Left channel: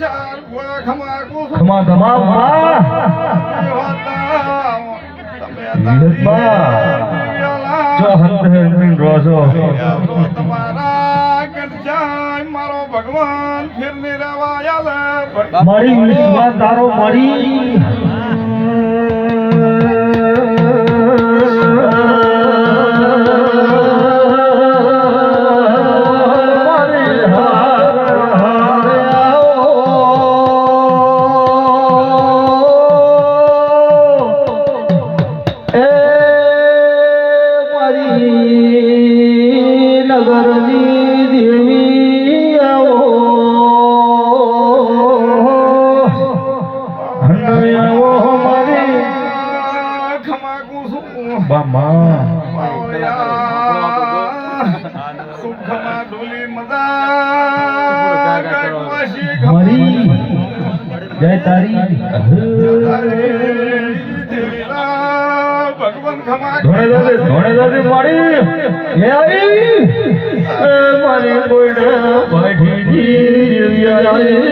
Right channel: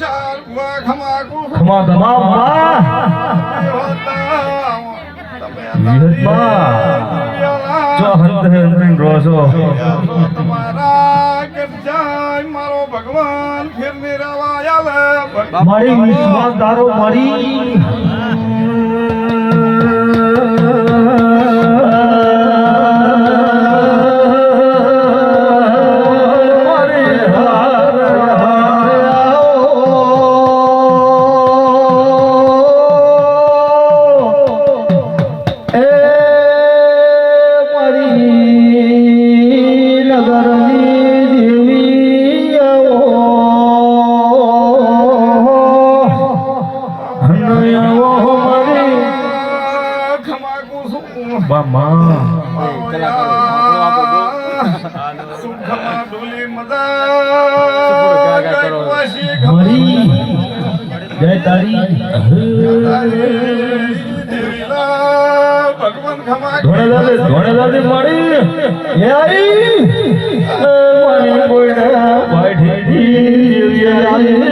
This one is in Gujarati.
ખમા ખમા મારો ભગવાન ફેર ને રવાયા મારી વિશ્વાસ તારો મારી જય તારી ભગવાન ખમા ધોણે દાદી મારી હે આઈ મારી કોઈને પાઠી જેવી